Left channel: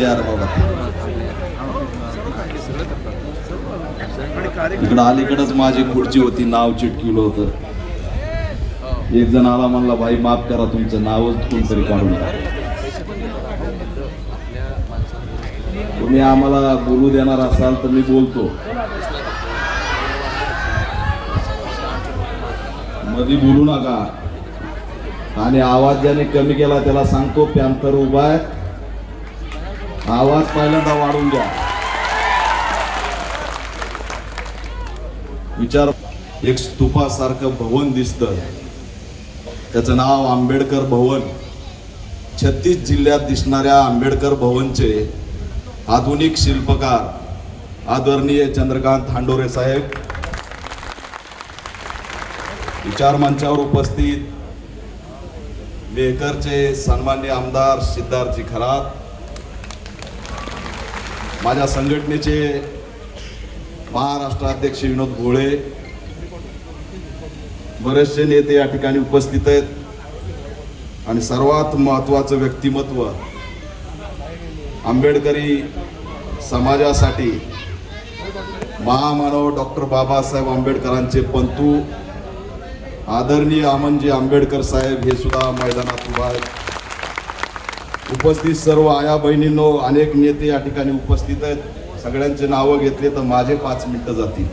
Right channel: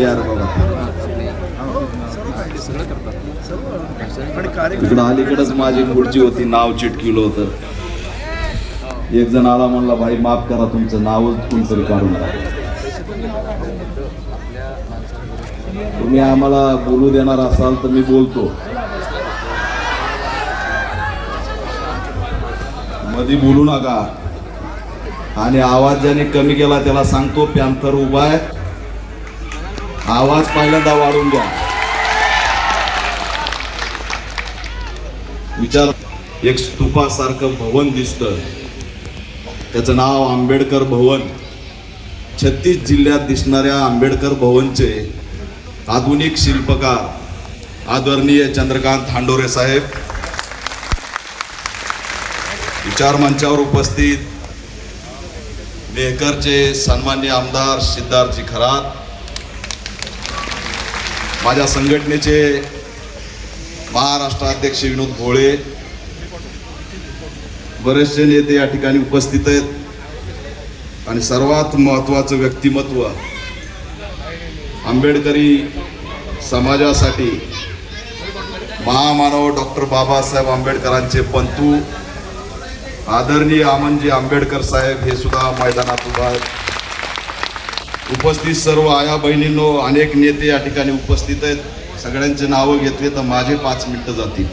यार बाबा इकडं अलीकडच माझी खुर्ची होती, नाव चिटकिलं होतं. एक जण आला म्हणला, भाई माफ करा तुमचं नावच कोणतरी काढून टाका. तुम्ही आम्हाला बोलू देणार असाल तर मी बोलतो, मध्ये बोलू नका. आणि आवाज ज्याने कमी केला त्याला सांगतो, पॅन्थर उभा आहे, आवाज पहिल्यांदा वाढून द्या. विचार, एक स्तूपासारखं भवन दिसतं, त्याचं नाव आंबेडकर भवन. 36 जिल्ह्यात दिसणाऱ्या आंबेडकर भवनचे आधुनिक शिल्पकार आदरणीय चंद्रकांत हांडोरे साहेब, विचार मंचावर उपस्थित मेहकरचे सन्माननीय आमदार सिद्धार्थजी खरात, माझ्या संघटनेचे महाराष्ट्र अध्यक्ष विनोद भोळे, बरेचसे नेते या ठिकाणी उपस्थित आहेत. आणि सर्वात महत्त्वाचं व्यक्तिमत्व, आंबेडकरी समाजासाठी महामानव डॉक्टर बाबासाहेब आंबेडकरांचे पंतू आदरणीय अमनजी आंबेडकर साहेब हे सुद्धा मैदानात उभा आहेत. उपस्थित सर्व आया बहिणींनो, अनेक नेते या ठिकाणी उपस्थित आहेत. सगळ्यांचे नावं घेतले तर माझे 5 मिनिटं जातील.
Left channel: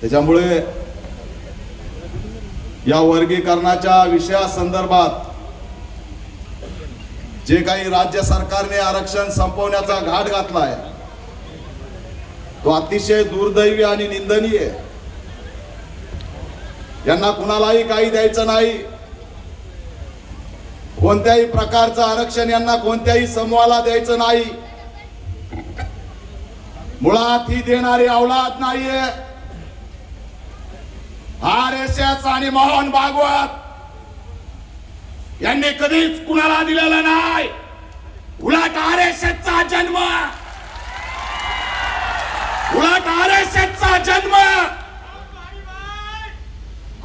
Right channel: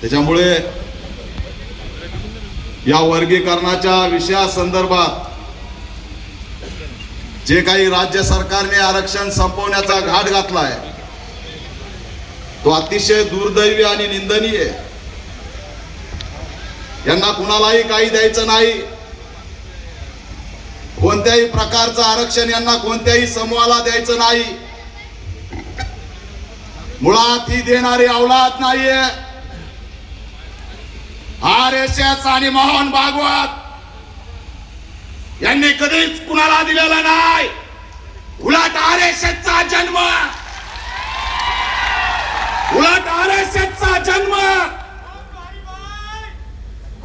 त्याच्यामुळे या वर्गीकरणाच्या विषयासंदर्भात जे काही राज्य सरकारने आरक्षण संपवण्याचा घाट घातलाय तो अतिशय दुर्दैवी आणि निंदनीय आहे. यांना कुणालाही काही द्यायचं नाही. कोणत्याही प्रकारचं आरक्षण यांना कोणत्याही समूहाला द्यायचं नाही. मुळात ही देणारी औलाद नाहीये. RSS आणि मोहन भागवत यांनी कधीच कुणाला दिलेला नाही. उलट RSSचा जन्म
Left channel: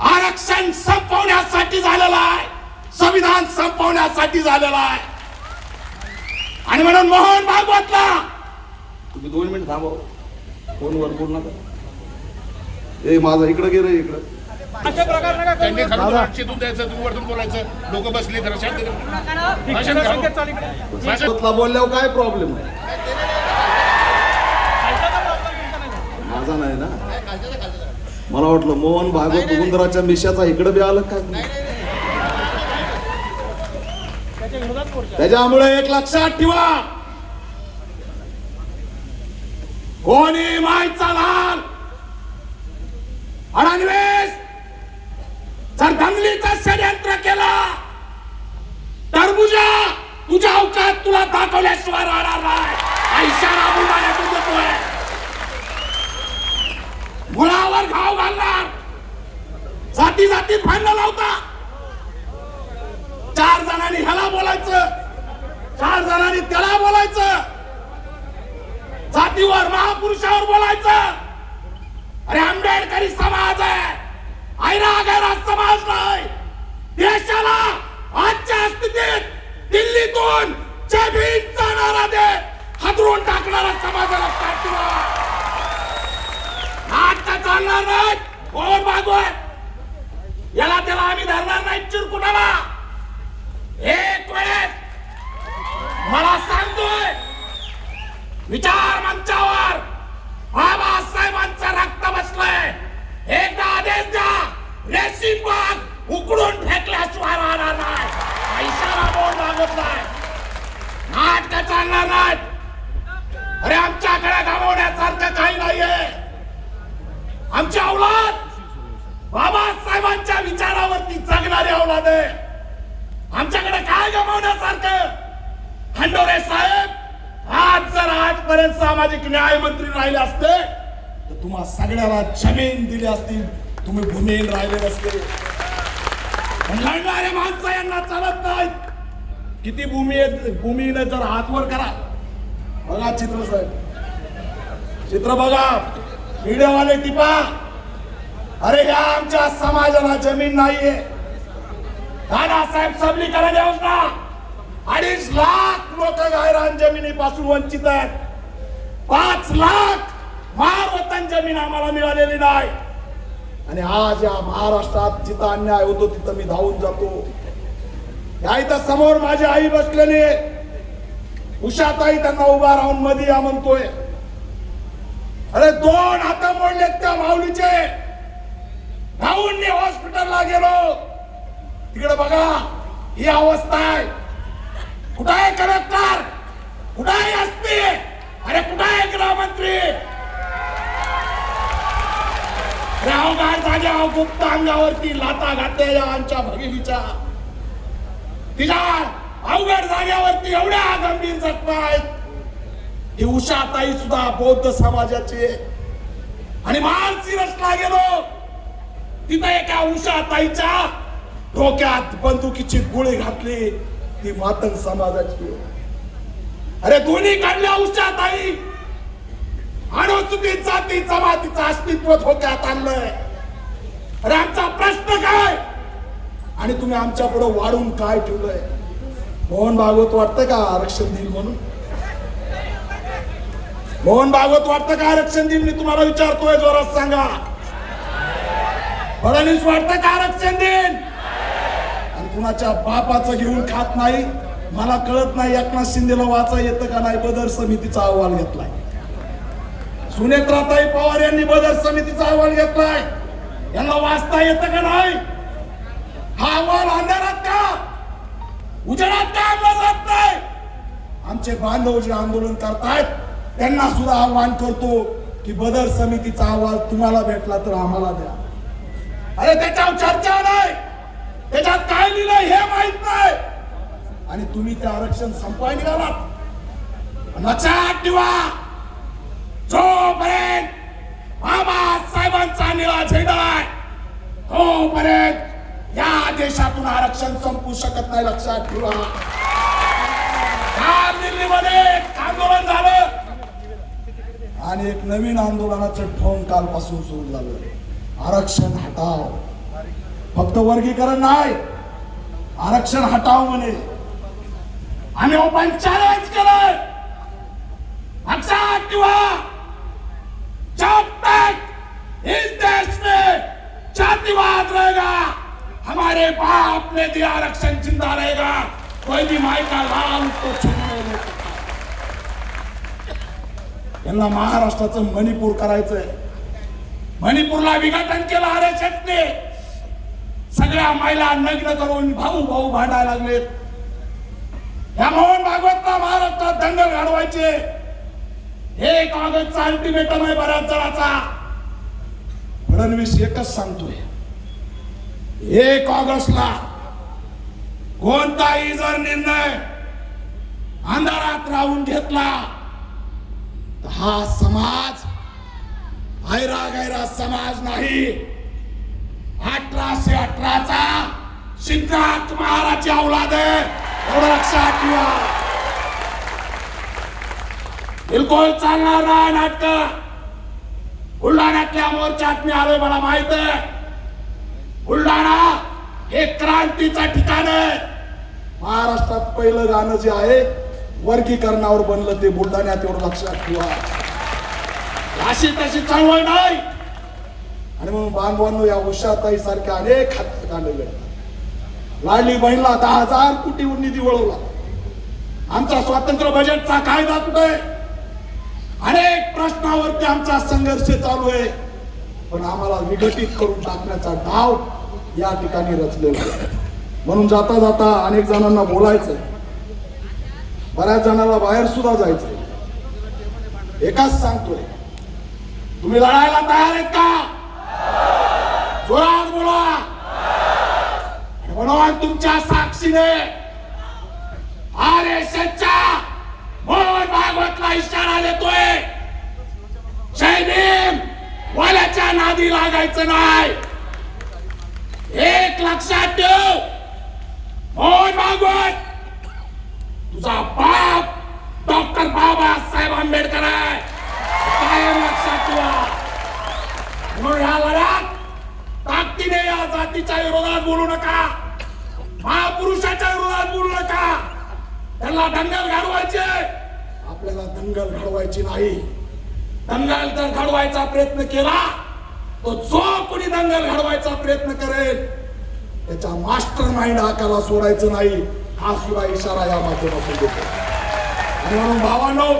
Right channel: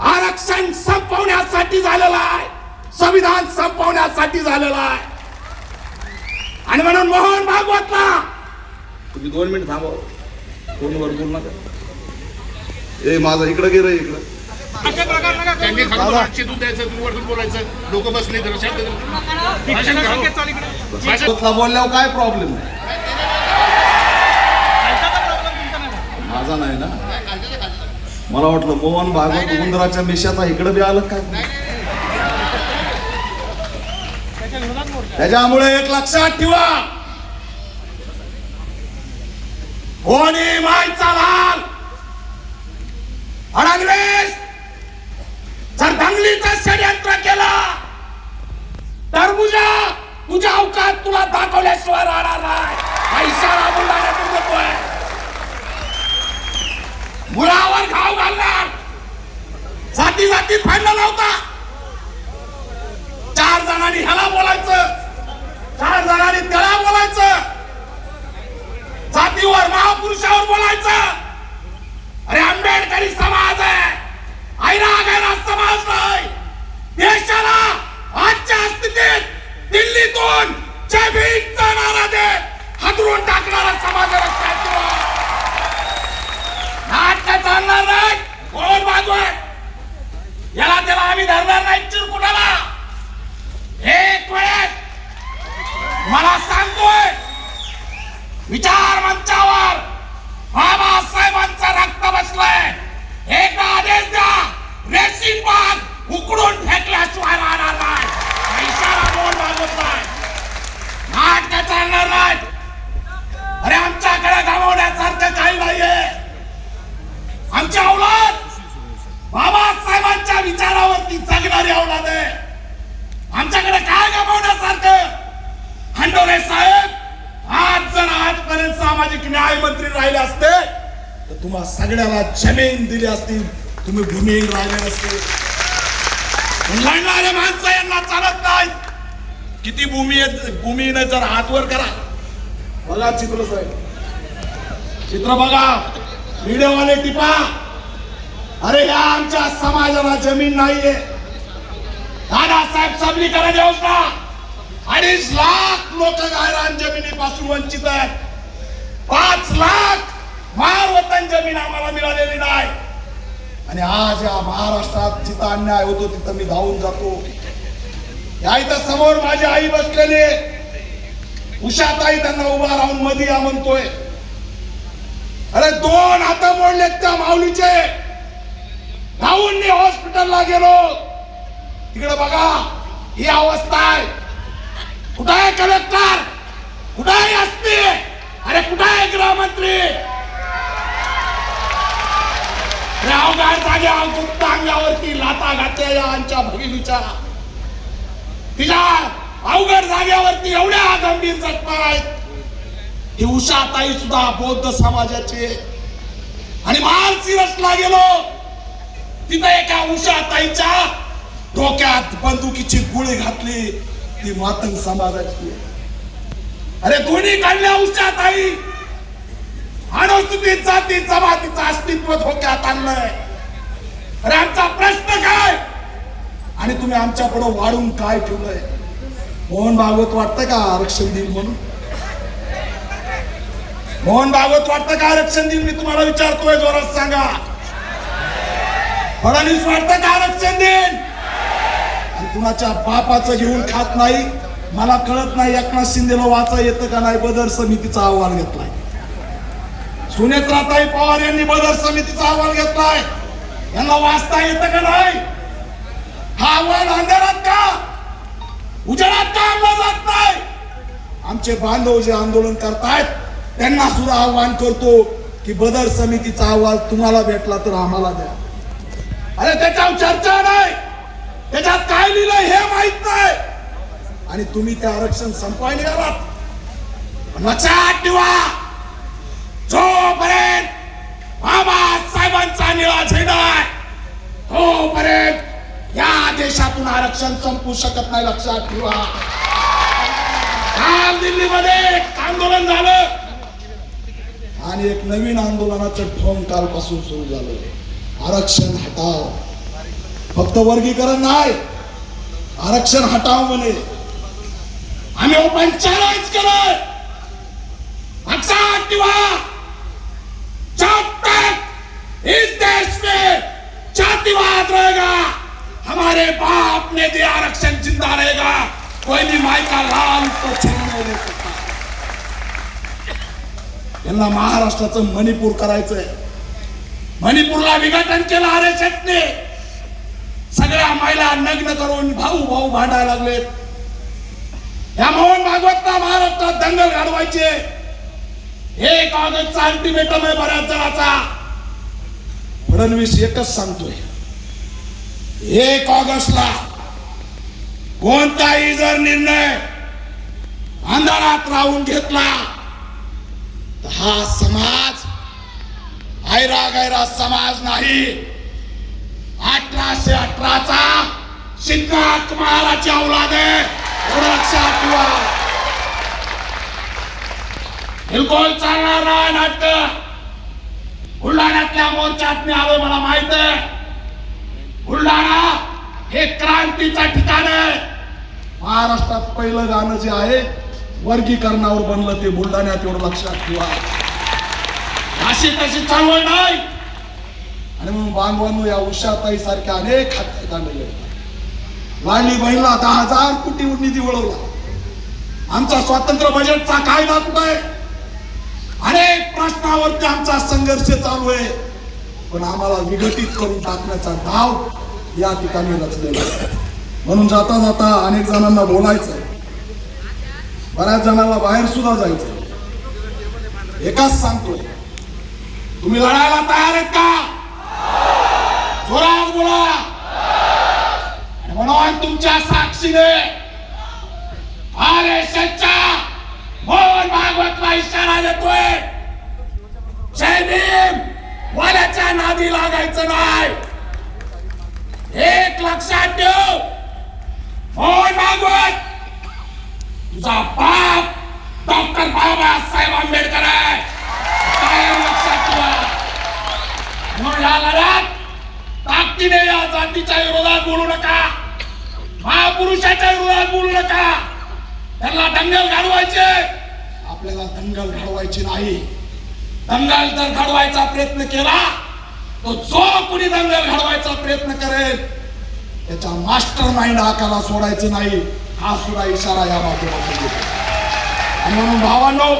आरक्षण संपवण्यासाठी झालेला आहे, संविधान संपवण्यासाठी झालेला आहे. आणि म्हणून मोहन भागवतला तुम्ही 2 मिनिट थांबव, फोनवर बोल नका. ए माझा इकडे गे रे, इकडे लोक बसले बोलल्यावर काय प्रॉब्लेम आहे? माझा नाही ना. मला वाटलं मोहन भागवत उंदराच्या मिशाचा इकडे बी आलं काय. त्याच्यामुळे एक लक्षात ठेवा, कोणी मायचा लाल अडंगवेस जर दंगलीचा षडयंत्र केला तर तुझ्या अवकात तुला दाखवल्याशिवाय राहणार नाही. ऐशाला मुलाने बघतोय, मुळावर घाव घालणार. जाती भांडण लावता. 4 जणांनी ह्याला बोलायचं, 4 जणांनी त्याला बोलायचं, जातीवर महापुरुषावर बोलायचं. अरे आंबेडकरी समाज आहे, ऐरा समाज नाही. देशाला आजच्या स्थितीत दिल्लीतून जय भीमचा नारा दे हादरून टाकणारा समाज लक्षात ठेवा. नाटक चालणार नाही. कोण भागवत याला त्याला आम्ही धरणार नाही चिरकुटाला. एक वेळ मला सांगतोय, विचार मंचावर बाबासाहेबांचा रक्त बसलाय. एकदा आदेश द्या, रेशीम बाग उकडून फेकल्याशिवाय राहणार नाही. पैशाला बोल मागत नाही. नाटक चालणार नाही. अरे आमच्याकडे गमावण्यासारखं काही नाहीये. आमची औलाद बाबासाहेबांच्या विचारावरती जगणारी औलाद आहे. आमच्याकडे काय गमावण्यासारखं? हांडोरे साहेब आज जर आजपर्यंत सामाजिक न्याय मंत्री राहिले असते तर तुम्हाला सगळ्याला जमीन दिली असती, तुम्ही भूमिहीन राहिले नसते. लढणारे माणसं यांना चालत नाहीत. किती भूमीने जर हातवर करा. बघा चित्र साहेब, चित्र बघा, व्हिडिओवाले टिपा. अरे या आमच्या समाजाला जमीन नाहीये. दादासाहेब सबलीकरण योजना 2.5 लाख लोक गायरान जमिनीपासून वंचित आहेत. 5 लाख महावतन जमीन आम्हाला मिळालेली नाही. आणि आज या महाराष्ट्रात जिथं अन्याय होतो तिथं मी धावून जातो. या इथं समोर माझी आई बसलेली, उषाताई त्यांना उभा राहून मध्ये या म्हणतोय. अरे 2 हात मोडलेत त्या माऊलीचे. धावून मी हॉस्पिटलला गेलो, तिकडे बघा ही अवस्था आहे. कुठं आहे कलेक्टर, कुठं आहे एसपी, अरे कुठं आहे गृहमंत्री? अवघड जाग्या गुप्त अंगावरती लाता घातल्या या आमच्या भगिनीच्या. तिच्या अवघड जाग्यावरती एवढ्या गंभीर जखमा आहेत. ही उषाताई सुद्धा बौद्ध समाजाची. आणि माळशिरसला गेलो, तिथं एका उषाताईच्या डोक्यात बंदुकीची गोळी घातली, ती मातंग समाजाची. अरे दोन्ही काढल्या उषाताई. अनुसूचित जाती जमातीचं अस्तित्व धोक्यात आणलंय. अरे आमचा प्रश्न काय आणि तुम्ही आमच्या पुढे वाढून काय ठेवलंय? मोहन भागवत वाटतं का आरक्षण देईल म्हणून? मोहन भागवत वाटतं का आरक्षण देईल? मी तुम्हाला विचारतोय, जोरात सांगा. फडणवीस वाटतं का आरक्षण देईल? आणि कुणाच्या बापाचं घेऊन खात नाही. मला कळत नाही एकनाथ शिंदेला वाचा येतं का नाही. बदर समितीचा अहवाल घेतलाय. सुनेत्राताई पवार यांनी बदर समितीचा अहवाल घेतलाय. यांना वाचता येतं का नाही? हा अहवाल अंधारात का उजेडात का आणला जात नाही? आमचे बांधव जे आंदोलन करतायत त्यांना सुद्धा आव्हान करतो की बदर समितीचा अहवाल तुम्हाला भेटला तर आम्हाला द्या. अरे त्याच्यावर चर्चा नाही, त्याच्यात काय लिहिलं हे माहित नाही. आणि तुम्ही ते आरक्षण संपवायला निघालात. लक्षात ठेवा, जोपर्यंत बाबासाहेबांचा निळा झेंडा आहे तोपर्यंत या देशातून आरक्षण संपू शकत नाही. लक्षात ठेवा. काल दिल्लीमध्ये एक आंदोलन झालं आणि एक नवीन आंदोलनाचं ठोंग कालपासून सुरू झालं. आरक्षण हटाव. फक्त वर्गीकरण नाही, आरक्षण हटाव म्हणे. आम्ही ओपन चॅलेंज केलं. लक्षात ठेवा, जब तक इस देश में जातिवाद रहेगा, हमारे बाप ने दिया आरक्षण जिंदा रहेगा. कोई भी माई का लाल तो छीनने नहीं सकता. यांना महाराष्ट्राचं मणिपूर करायचंय. मणिपूरला विघटन केलं आरक्षणने. सगळ्या महिला नग्न करून भाऊ भाऊ भांडायला लागले. या मोहन भागवतला महाराष्ट्रात दंगल घडवायचे. 1 ऑगस्टचा अल्टिमेटम आहे बऱ्याच जणांचा. फडणवीस एकच सांगतोय, 1 ऑगस्टला कोणताही जर निर्णय अंधारात राहून घेतला तर हा समाज गैरा गैरा समाज नाही. 1818चा शिक्का कुमाराची औलाद आहे. लक्षात ठेवा. बिलकुल चालणार नाही नाटक. बुलढाण्यातल्या मोर्चात मी आलो, मला माहित आहे. बुलढाणा हे क्रांतीचं ठिकाण आहे. महाराष्ट्रात पहिलं गाणं जे आहे वर्गीकरणावर बनलं ते बुलढाण्यात, एवढं लक्षात ठेवा. अशी तशी चळवळ नाही. आणि म्हणून बांधवांनो, या उषाताई सारख्या अनेक खाते काढलेले. लाडली बहिणीला 10,000 कोटी निधी वळवला. आमचा स्वातंत्र्य बजेटचा कायदा कुठे? अनेक प्रश्नावरती आमचा संघर्ष चालू आहे. पण आम्हाला विघटित करून टाकण्याचा डाव या ठिकाणी रचलेला आहे. म्हणून जाता जाता अनेक जणांना बोलायचंय, बऱ्याच जणांना बाहेर सुद्धा जायचंय. एकच सांगतोय, तुम्ही लढायला तयार आहेत का? जोरात बोला. म्हणून तुमच्या साक्षीने आरएसएसच्या मोहन भागवतला इशारा देतोय, जय भीम वाल्याच्या नादी लागायचं नाही. एक लक्षात ठेव, मोहन भागवत तुझा बाप डॉक्टर बाबासाहेब आंबेडकर आहे. कायम लक्षात ठेवा. म्हणून या लढ्यात ताकदीने या जातीच्या विरोधात बोलू नका. पुरुषाच्या विरोधात बोलू नका. त्यांना दंगल घडवायचे, आपल्याला दंगल घडवायची नाही. दंगल जर घडवायचा प्रयत्न केला तो जो कोणी दंगल घडवायचा प्रयत्न करेल त्याच्या मास्टर माइंड हाकाला सोडायचं नाही, हा सुद्धा इशारा या माध्यमातून देतो. आणि म्हणून भावांनो,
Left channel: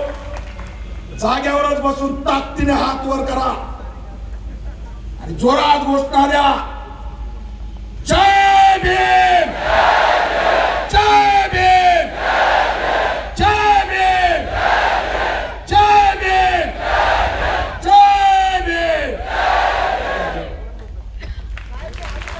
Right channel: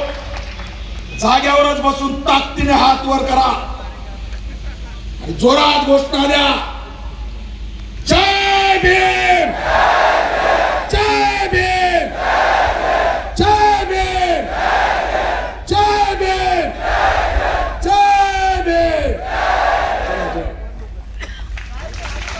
जाग्यावरच बसून ताकदीने हात वर करा आणि जोरात घोषणा द्या, जय भीम.